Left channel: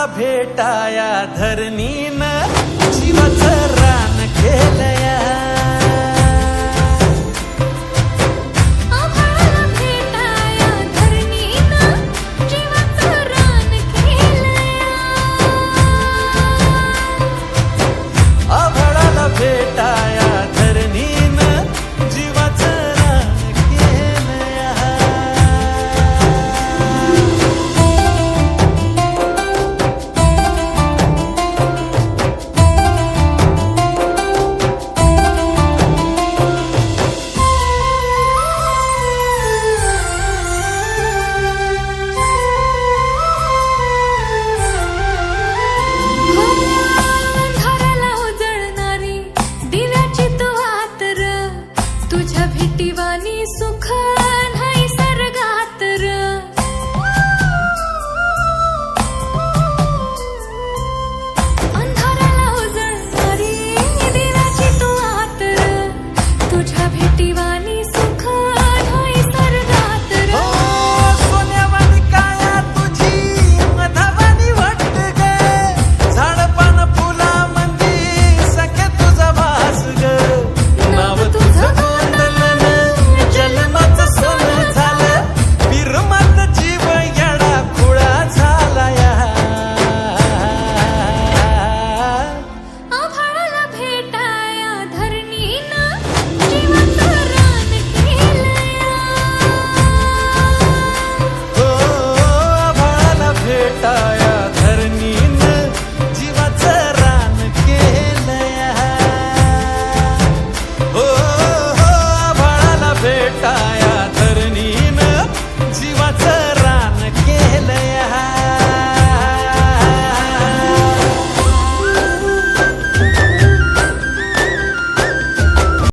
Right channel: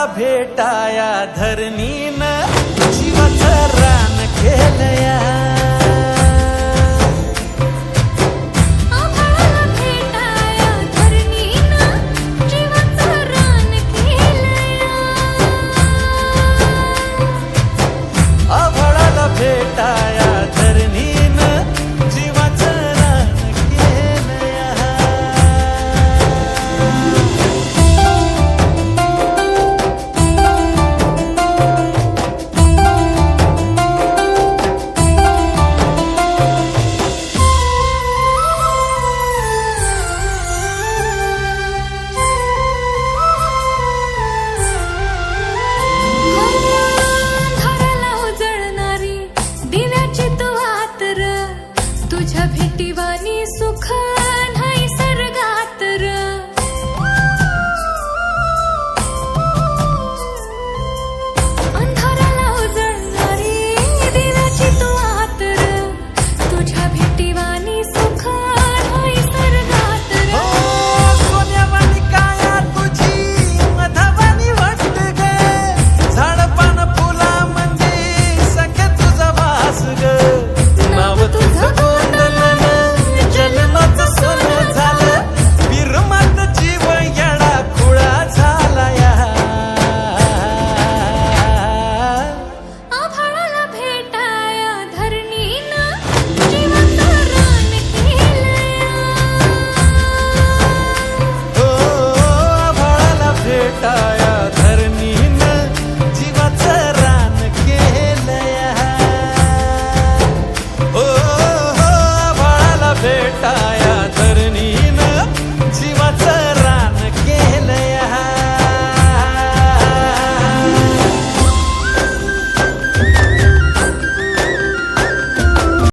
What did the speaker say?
आभाळाला भेटाया धरणीनं जीवाचं रान केलया. आभाळाला भेटाया धरणीनं जीवाचं रान केलया. आभाळाला भेटाया धरणीनं जीवाचं रान केलया. अंधाराला उजळणारी दिव्याची तू आतर, तुझ्या भेटीवानी सुख नाही सर्गात र. अंधाराला उजळणारी दिव्याची तू आतर, तुझ्या भेटीवानी सुख नाही सर्गात र. हो सोन्यावानी काया तुझी मधावानी वाटत ग, झाडपान फुला मंदी सख्या तुझा वास ग. नाव तुझं गोंधलन जन्माचं सोनं झालं, बिरमात जीव येडा खुळा झालाया. आभाळाला भेटाया धरणीनं जीवाचं रान केलया. हो आभाळाला भेटाया धरणीनं जीवाचं रान केलया. हो आभाळाला भेटाया धरणीनं जीवाचं रान केलया.